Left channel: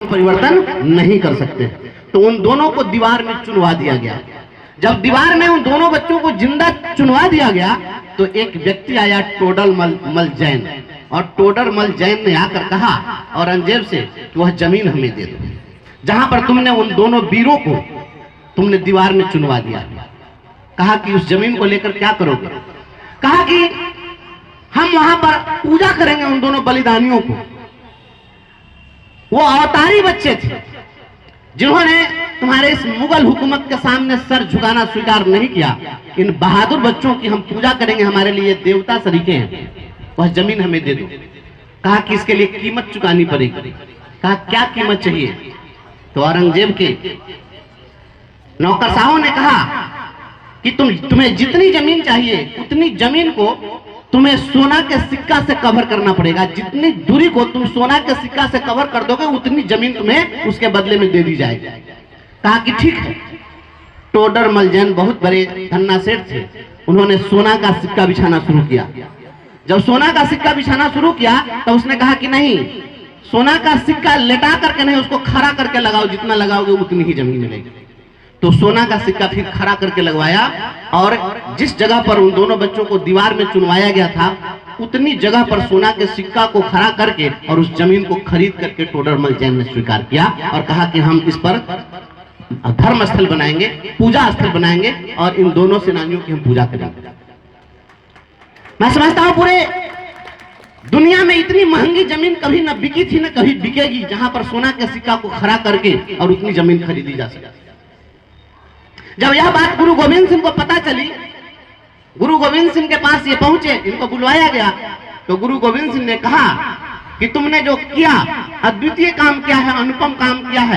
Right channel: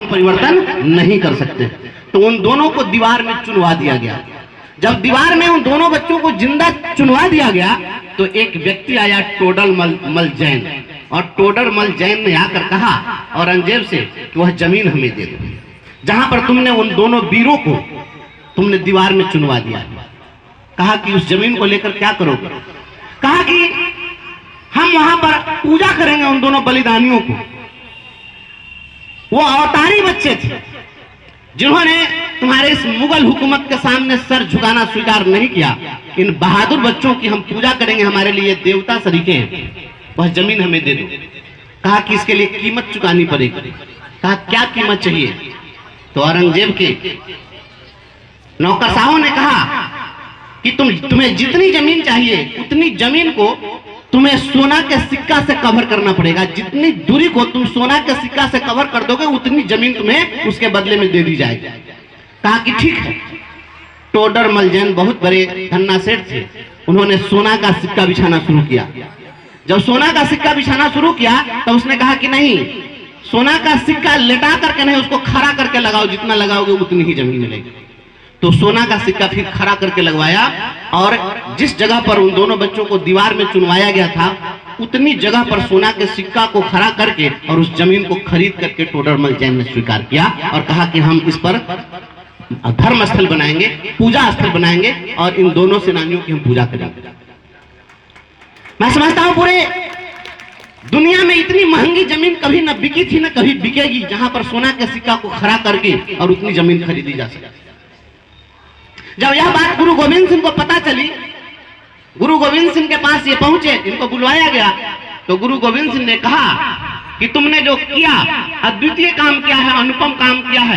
परिवर्तन नहीं कर सकते। तो उन दोनों को दीवार में चुनवा दिया गया। जब दीवार में उन दोनों बच्चों को जिंदा चुनवा दिया गया तो एक व्यक्ति आया, टोडर मल जैन, और टोडर मल जैन ने आकर कहा औरंगजेब से कि वह जमीन हमें दे दो जहां पर तुमने उन दोनों वीरों को तुमने दीवार में चुनवा दिया। कहा कि उस जमीन को लेकर क्या करोगे? कहा कि हम वहां पर पूजा करेंगे उन दोनों बलिदानियों को। वो अवतारी बच्चे थे जिन्होंने तुम्हारे इस मुगल हुकूमत के सामने सर झुकाना स्वीकार नहीं किया। इन बहादुर बच्चों की हम पूजा करेंगे, हमारे लिए देवता सरीखे हैं, वह जमीन हमें दे दो। कहा कि इसके लिए कीमत चुकानी पड़ेगी। कहा क्या कीमत चाहिए? तो औरंगजेब के नौकरशाहों ने कहा कि तुम्हें जितनी जमीन चाहिए उतनी जमीन को तुम्हें सोना के सिक्का से कवर करना पड़ेगा। जितनी दूरी को तुम सोना के सिक्का से कवर कर दोगे उतनी जमीन तुम्हें उसके बदले में दे दी जाएगी। कहा कि ठीक है। टोडर मल जैन बहुत बड़े धन्ना सेठ थे, उन्होंने सोना का सिक्का बिछाना शुरू किया। जब सोना का सिक्का बिछाना शुरू किया तो उसने कहा कि नहीं, सोना का सिक्का लेटा करके नहीं, उसको खड़ा करके लगाओ, जितना लगाओगे उतनी ही जमीन मिलेगी। तो सोना का सिक्का फिर खड़ा करके लगवाया और जिस जगह पर उन दोनों बच्चों को दीवार में चुनवाया गया था उतनी जगह पर सोना के सिक्का को खड़ा करके और उस जमीन को खरीद करके टोडर मल जैन ने स्वीकार किया और कहा कि हम इस पर धर्म स्थल बनाएंगे, पूजा स्थल बनाएंगे और इन दोनों सेनानियों की हम पूजा करेंगे। मैं समझता हूं पूरे दुनिया में इतनी महंगी जमीन कभी न बिकी थी न कभी बिकेगी जहां पर सोना के सिक्का को खड़ा करके और उतनी जमीन खरीदी जा सके। जब यह बात गुरु गोविंद सिंह को पता चली, गुरु गोविंद सिंह के पास ये पहुंचे, इनको बुलवाया गया, तो गुरु गोविंद सिंह ने कहा कि तुमने जो किया अद्वितीय काम किया है, अनुपम काम किया है।